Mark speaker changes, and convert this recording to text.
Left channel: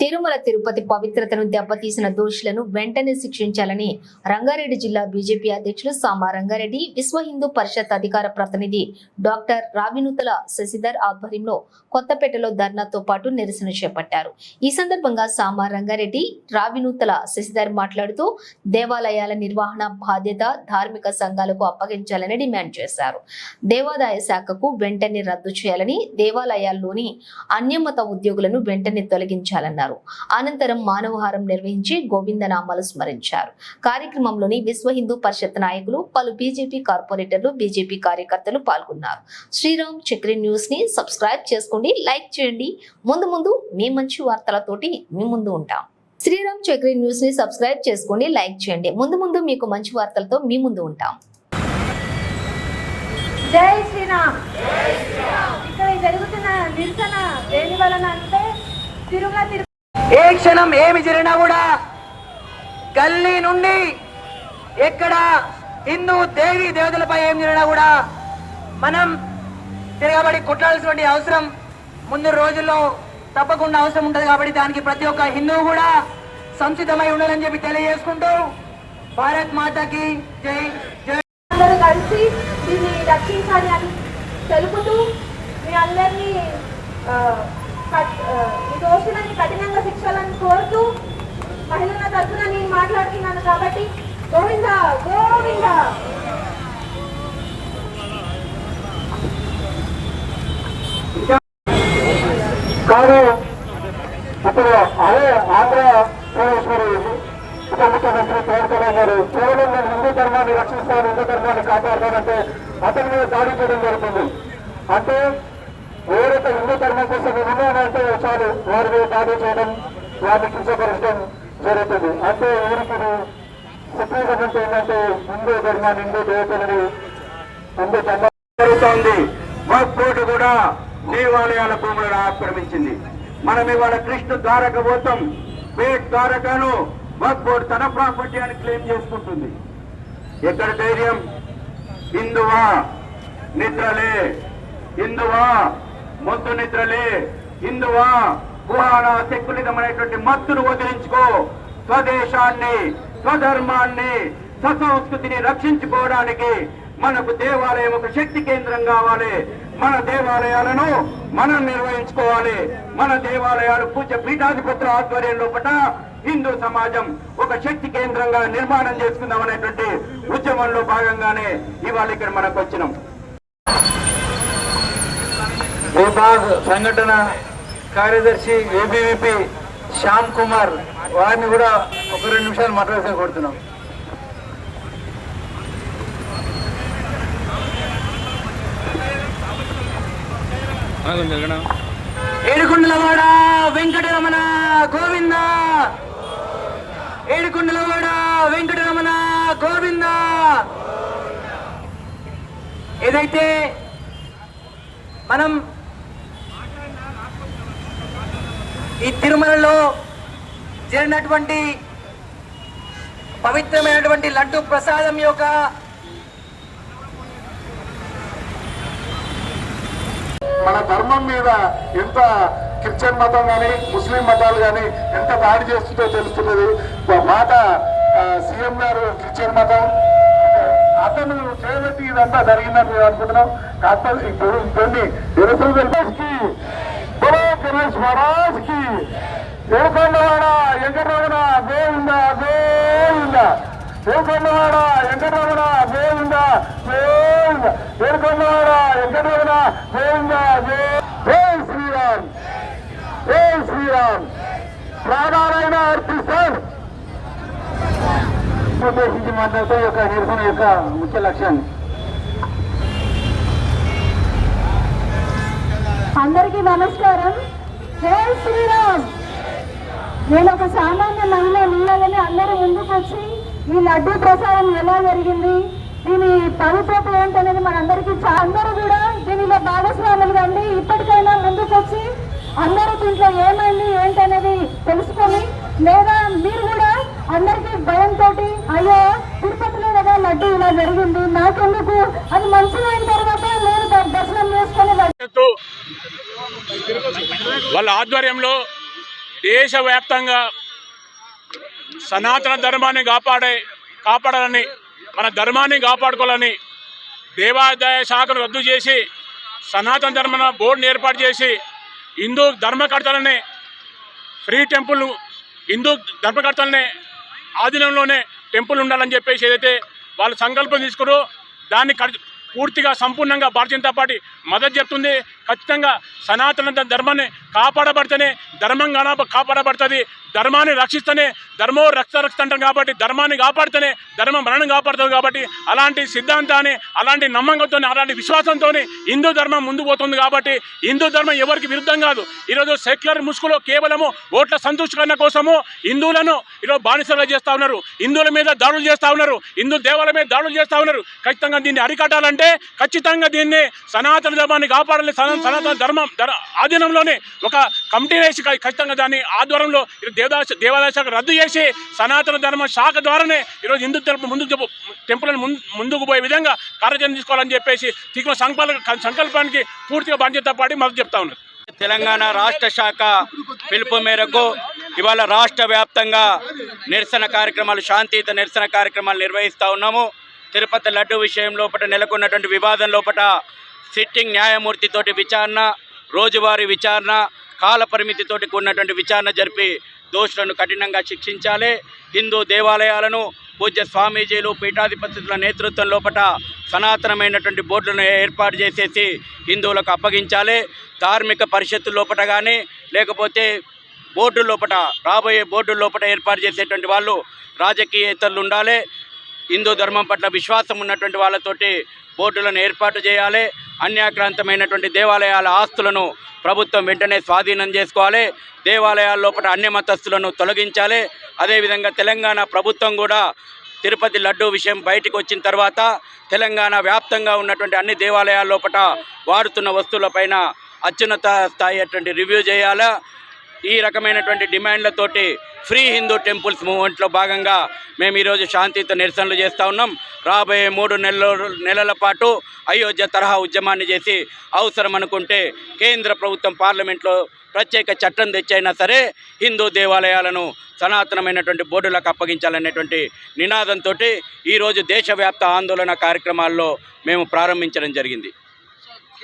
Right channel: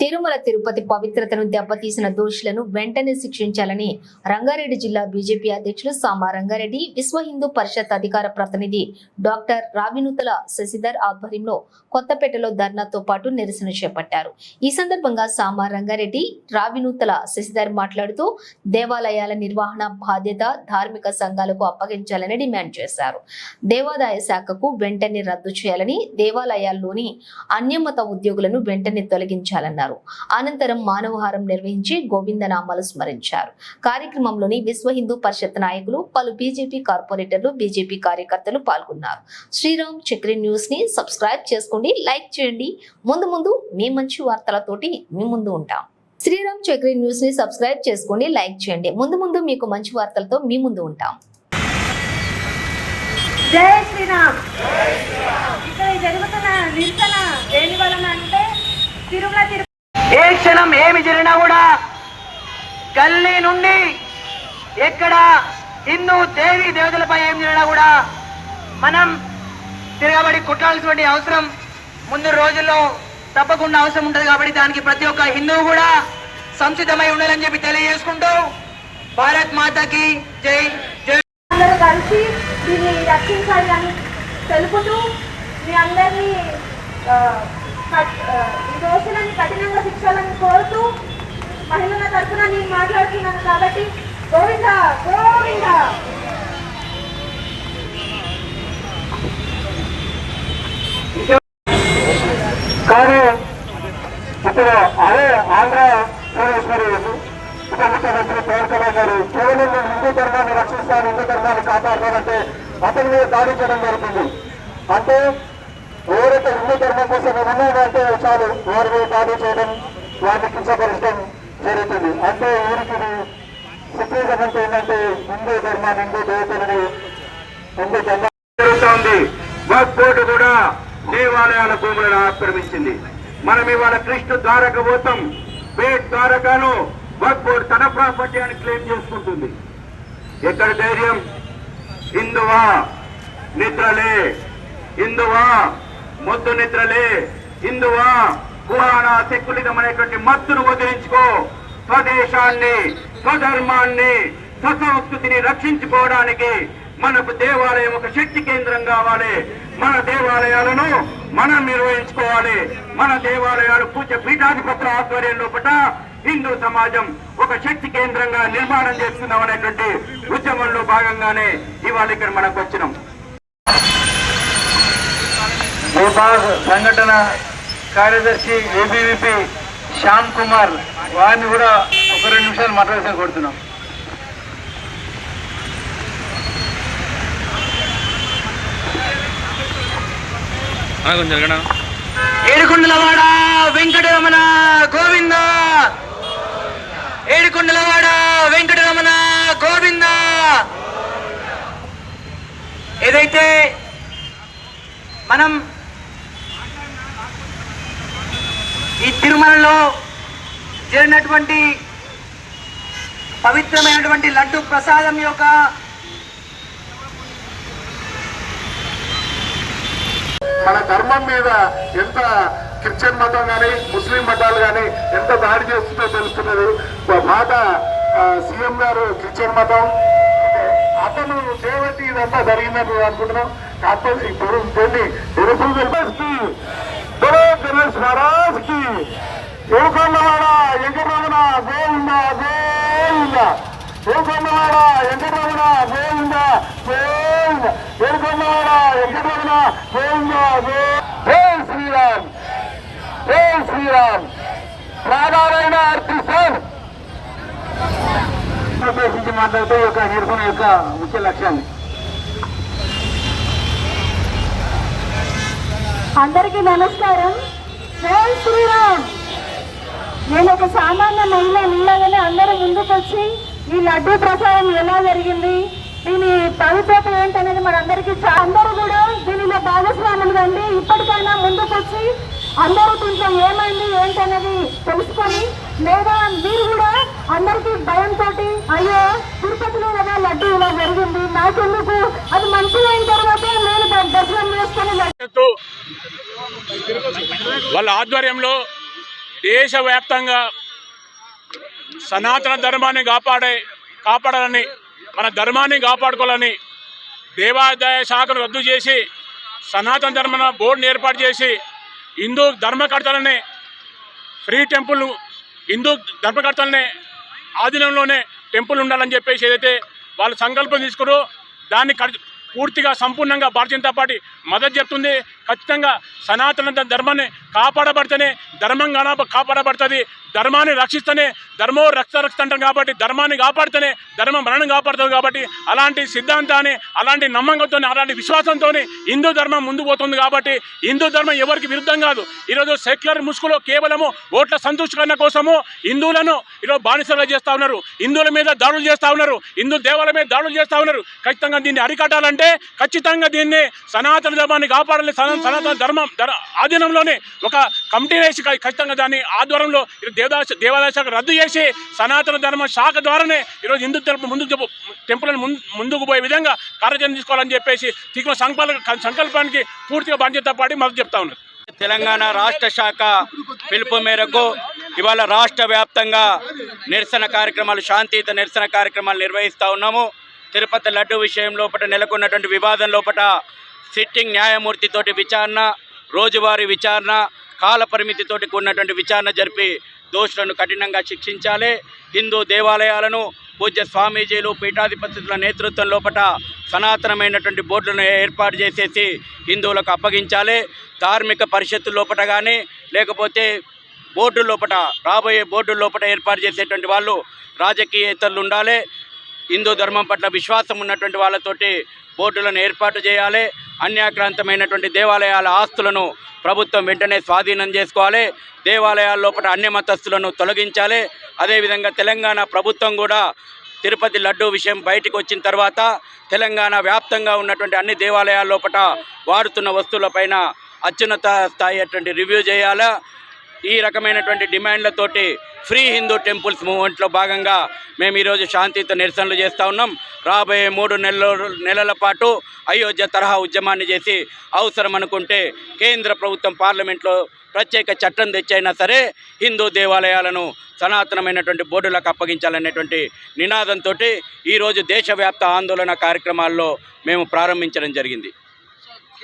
Speaker 1: తిరుమల తిరుపతి పవిత్రతను దెబ్బతీసిన దోషులను వెంటనే శిక్షించాలని రంగారెడ్డి జిల్లా బీజేపీ అధ్యక్షులు సామా రంగారెడ్డి విశ్వ హిందూ పరిషత్ అధికార ప్రతినిధి డాక్టర్ రావినూతల శశిధర్ ఆధ్వర్యంలో కొత్తపేటలో ధర్నాతో పాటు నిరసన చేపట్టారు. ఈ సందర్భంగా సామా రంగారెడ్డి రావినూతల శశిధర్ మాట్లాడుతూ దేవాలయాల నిర్వహణ బాధ్యత ధార్మిక సంఘాలకు అప్పగించాలని డిమాండ్ చేశారు. దేవాదాయ శాఖకు వెంటనే రద్దు చేయాలని దేవాలయాల్లోని అన్యమత ఉద్యోగులను వెంటనే తొలగించాలన్నారు. అనంతరం మానవహారం నిర్వహించి గోవిందనామాలు స్మరించారు. కార్యక్రమంలోని విశ్వ హిందూ పరిషత్ నాయకులు పలు బీజేపీ కార్పొరేటర్లు బీజేపీ కార్యకర్తలు పాల్గొన్నారు. శ్రీరామ్ చక్రి న్యూస్ని సబ్స్క్రైబ్ చేసుకోండి లైక్ చేయండి. ముందు ముందు మీ మంచి వార్తలతోటి మీ ముందు ఉంటాం. శ్రీరామ్ చక్రి న్యూస్ని సబ్స్క్రైబ్ చేసుకోండి లైక్ చేయండి. ముందు ముందు మీకు మంచి వార్తలతో మీ ముందు ఉంటాం.
Speaker 2: జై శ్రీరామ్. ఇక్కడ జరుగుతున్న నిరసన దేని వలన అంటే తిరుమల
Speaker 3: క్షణం ఏమి జరిగినా కూడా గల్లీ నుండి ఎక్కడ హిందూ దేవి దేవతలపై ఏం జరిగినా కూడా మనం తిరగబడి కొట్టాల్సినటువంటి అవసరం ముందు రోజుల్లో తప్పకుండా అవసరం ఉంటుంది కాబట్టి దానికి ప్రతి ఒక్క హిందువు కూడా సంసిద్ధమై ఉండాలని చెప్పి తెలియజేసుకుంటూ భారత్ మాతకి జై జై.
Speaker 2: అందరూ కలిసి దీన్ని రక్షించాలి అని తెలుపుతూ మీ అందరినీ ఈ దోషులని కఠినంగా శిక్షాలని కోరుతూ మహిళల తరఫున నేను మాట్లాడుతున్నాను కాబట్టి గోవింద గోవింద!
Speaker 4: కానీ ఇప్పుడు అదే ఆంధ్ర ప్రదేశ్ మరి ఉప ముఖ్యమంత్రి పవన్ కళ్యాణ్ గారు కేవలం నేను హిందూ ధర్మాన్ని రక్షిస్తాను హిందూ ధర్మాన్ని కాపాడతానంటే అతని మీద దాడి చేయడం జరుగుతుంది. అంటే ఎవరైతే హిందూ ధర్మం కోసం ఉన్నాడంటే చాలు వారి మీద చేయడం వారిని కించపరచడం జరుగుతుంది. అంటే వీరికి సుప్రీం అంటే ఏంటంటే హిందూ ధర్మాన్ని హిందూ దేవతలని హిందూ ధర్మం
Speaker 5: జరుగుతోంది వక్ కూడా దేవాలయాల భూములను ఆక్రమించింది. మనం ఇవాళ కృష్ణ ద్వారక పోతాం. పేట్ ద్వారకాను వక్ తన ప్రాపర్టీ అని క్లెయిమ్ చేసుకుంటుంది. ఎక్కడ ధైర్యం? హిందువా? నిద్రలే. హిందువా? మొద్దు నిద్రలే. హిందువా పురాణ సెక్యులిజం అనేటువంటి మత్తును వదిలించుకో. స్వదేశాన్ని స్వధర్మాన్ని స్వసంస్కృతిని రక్షించుకోవడానికి మనకు దేవాలయం ఒక శక్తి కేంద్రం కావాలి. మన దేవాలయాలను మనం నిర్వహించుకోవాలి. మన దేవాలయాలు పూజ పీఠాధిపతుల ఆధ్వర్యంలో పట హిందూ సమాజం ఒక శక్తి కేంద్రంగా నిర్మాణం చేసుకుందాం అనేటువంటి ఉద్యమంలో భాగంగానే ఇవాళ ఇక్కడ మనకు వచ్చినాం
Speaker 4: భూపాల్ సంఘటన కార్యదర్శి ఏబీవీపీ శ్యామ్ కుమార్ వారిని కూడా ఒక రెండు నిమిషాలు మాట్లాడాల్సిన కోరుతున్నాం.
Speaker 3: ఏడుకుండలవాడ వెంకటరమణ గోవింద! ఏడుకుండలవాడ వెంకటరమణ గోవింద! ఏదైతే మనం ఈ తిరుమలలో జరిగినటువంటి పవిత్రమైనటువంటి లడ్డు ప్రసాదం యొక్క
Speaker 4: మన ధర్మం మీద ఎంత క్రిస్టియన్ మతం కానీ ముస్లిం మతాలు కానీ ఎంత దాడి చేస్తుందో తెలుస్తున్నది మా మాట సీఎం గారు క్రిస్టియన్ మతం అతను దేవతి ఇదంతా జరిగిందని అనుకుంటున్నాం కాకపోతే ఇప్పుడు కొన్ని తెలుసు గణేష్కి స్వరాజ్కి మహారాజ్కి ఏడుకొండవాడ వెంకటరమణ గోవింద గోవింద ఏడుకొండవాడ వెంకటరమణ గోవింద గోవింద ఏడుకొండవాడ వెంకటరమణ గోవింద గో జై శ్రీరామ్ జై శ్రీరామ్ ప్రాణాలైన అర్పిస్తాను ఉద్దేశించి మాట్లాడుతూ ఈ యొక్క నిరసన యొక్క ముఖ్య లక్ష్యాన్ని.
Speaker 2: అందరికీ నమస్కారం. జై శ్రీరామ్. నేను ఒక సామాన్య మహిళ ఉండగానే అందరూ ముందుకు వచ్చి ఈ లడ్డూ ప్రసాదం ఎలా జరిగింది? దీని పవిత్రత ఏంటనేది మన అందరికీ అందరూ కూడా దీనిలో భాగస్వాములు కండి. ఇప్పటికైనా ముందుకు వచ్చి అందరూ దీంట్లో ఏమైంది ఏంటనేది తెలుసుకొని లేదా మీరు కూడా అందరికీ భయంతో అయ్యో తిరుపతిలో కదా లడ్డు ఇలా జరిగింది నాకెందుకు? అది మంచిగా అయిన తర్వాత నేను దర్శనం చేసుకుని లడ్డు
Speaker 6: వాళ్ళ ఆధ్వర్యంలో దేశవ్యాప్తంగా సనాతన ధర్మాన్ని కాపాడే కాపాడాలని మన ధర్మాన్ని కాపాడుకోవాలని దేవాదాయ శాఖను రద్దు చేసి సనాతన ధర్మ బోర్డుని ఏర్పాటు చేసి హిందూ ధర్మకర్తలని ఫ్రీ టెంపుల్ హిందూ ధర్మకర్తలనే ఆధీనంలోనే టెంపుల్ ఉండాలని చెప్పేసి ఏదైతే వాళ్ళు సంకల్పం తీసుకురో దాన్ని కడి- పూర్తిగా సంపూర్ణంగా భారతీయ జనతా పార్టీ మద్దతు చెప్తుంది. ఖచ్చితంగా సనాతన ధర్మాన్ని కాపాడబడితేనే ధర్మం కాపాడబడుతుంది. ధర్మాన్ని రక్షిస్తేనే ధర్మో రక్ష రక్షిత అంటాం కాబట్టి ధర్మాన్ని కాపాడితేనే ధర్మం మరణం కాపాడుతుంది కాబట్టి అలాంటి సిద్ధాంతాన్ని అలాంటి నమ్మకంతో అలాంటి విశ్వాసంతో హిందూ ధర్మం ముందు పోతుంది కాబట్టి హిందూ ధర్మం ఎవరికి విరుద్ధం కాదు. ఈరోజు సెక్యులర్ ముసుగులో కేవలము ఓట్ల సంతృష్టికరణ కోసము హిందువులను ఈరోజు బానిసలుగా చేస్తా ఉన్నారు. హిందువుల మీద దాడులు చేస్తా ఉన్నారు. హిందూ దేవాలయ మీద దాడులు చేస్తూ ఉన్నారు. ఖచ్చితంగా దీన్ని అరికట్టాలంటే ఖచ్చితంగా దీన్ని సనాతన ధర్మాన్ని కాపాడాలి సనా- సనాతన ధర్మం ధర ఆధీనంలోనే ఒక కమిటీ వేసి ఖచ్చితంగా దాన్ని ఆధ్వర్యంలో ఈరోజు దేవదాస దేవాదాయ శాఖ రద్దు చేసి సనాతన ధర్మ శాఖ ద్వారానే ఈరోజు హిందూ ధర్మం ముందుకు చెప్పు టెంపుల్ని ముందు ముందుకు పోయే విధంగా కార్యాచరణ తీసుకోవాలని చెప్పేసి తీవ్ర సంకల్ప సంకల్పానికి పూర్తిగా బాధ్యత పాటి మద్దతు చెప్తా ఉన్నారు.
Speaker 7: తెలంగాణ రాష్ట్ర శాఖ పిలుపు మేరకు ఇవాళ రాష్ట్ర వ్యాప్తంగా నిరసన కార్యక్రమాలు శాంతియుత నిరసన కార్యక్రమాలు నిర్వహిస్తూ ఉన్నాము. తిరుపతి లడ్డు విషయం లోపల నెలకొన్నటువంటి వివాదం లోపల సిట్టింగ్ న్యాయమూర్తితోటి విచారణ రోజువారీ విచారణ కాల పరిమితితోటి కూడినటువంటి విచారణ జరిపి దోషులను కఠినంగా శిక్షించాలి. హిందూ దేవాలయాలను పూజ్య స్వామీజీలు పీఠాధిపతుల నేతృత్వం లోపల సనాతనమైనటువంటి బోర్డులను ఏర్పాటు చేసేసి హిందువులకు అప్పగించాలి. ధార్మిక పరిషత్తు లోపల కానీ లేకపోతే బోర్డు లోపల రాబోయే బోర్డు లోపల ఏర్పాటు చేసేటువంటి వాళ్ళు రాజకీయేతరులు ఉండాలి. హిందూ ధర్మం పట్ల విశ్వాసం ఉన్నటువంటి వాళ్ళతోటి బోర్డులను ఏర్పాటు చేయాలి. అన్యాక్రాంతమైనటువంటి దేవాలయాల ఆస్తులను ప్రభుత్వం వెంటనే స్వాధీనం చేసుకోవాలి. దేవాలయాల లోపల అన్య మతస్థులను తొలగించాలి. అదేవిధంగా తెలంగాణ ప్రభుత్వం కూడా తిరుపతి లడ్డు విషయం బయటకు వచ్చిన తర్వాత తెలంగాణ వ్యాప్తంగా ఉన్నటువంటి అన్ని దేవాలయాల లోపల వాడుతున్న వస్తువులపైన అత్యున్నత స్థాయి అటువంటి రివ్యూ చేయాలా? ఈ రకమైనటువంటి డిమాండ్లతోటి ఫ్రీ హిందూ టెంపుల్స్ మూవ్మెంట్లో భాగంగా మేము ఈరోజు శాంతియుత నిరసనలు చేస్తూ ఉన్నాం. రాబోయే మూడు నెలల నెలల పాటు అయోధ్య తరహా ఉద్యమాన్ని చేసి అవసరం అనుకుంటే కేంద్ర ప్రభుత్వం పార్లమెంట్లో ప్రత్యేక చట్టం తెచ్చైనా సరే హిందూ దేవాలయాలను సనాతనమైనటువంటి బోర్డులకు అప్పగించాలనేటువంటి నినాదంతో ఈరోజు దేశవ్యాప్త ఆందోళన కార్యక్రమాల్లో మేము ప్రారంభించడం జరిగింది.